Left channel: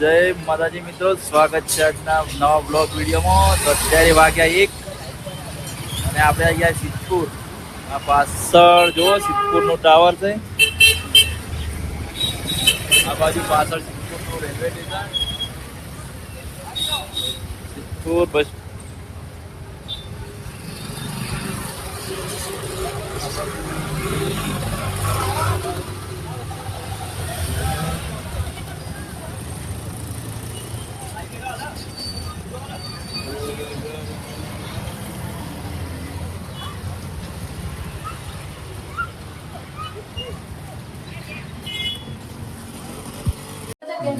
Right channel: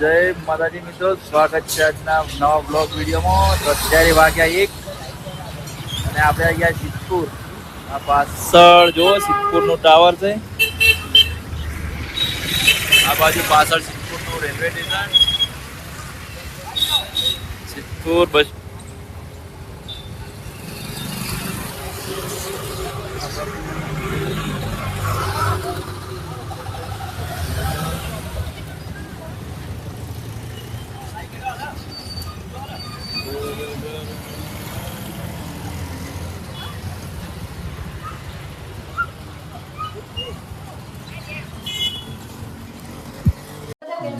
જય માતાજી મિત્રો, સ્વાગત છે આજના નવા બ્લોગ વિડીયોમાં। તો અત્યારે વાગ્યા 1 અને આપણે આવી ગયા સિદ્ધપુર। આ પાછળ જો સિદ્ધપુરનું ટાવર છે, આ બાજુ પાછળ સિદ્ધપુરનું રેલવે સ્ટેશન, સિદ્ધપુર બસ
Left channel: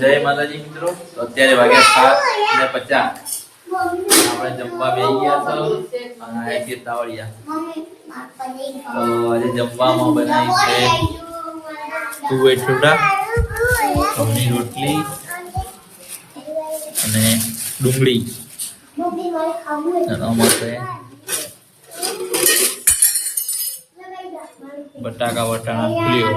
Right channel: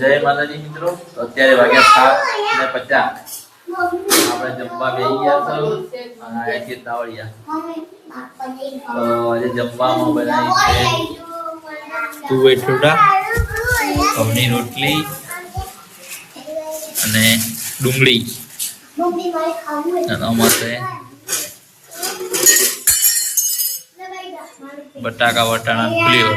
જય માતાજી મિત્રો। તો અત્યારે વાગ્યા 7:50 આપણે જમવા બેસી ગયા છો અને આ છે તાવડિયા। તો આજે જમવામાં બનાવી છે તુવેર ઠોડા, ઘઉંની રોટલી અને ડુંગળી અને અમારે બટાકા વટાણા ફ્લેવર।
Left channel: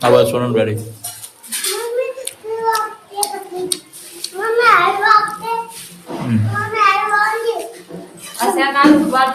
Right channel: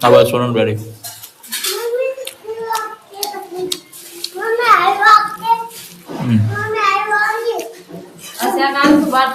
આવા સોનલ ગાડી अच्छा काम तो बात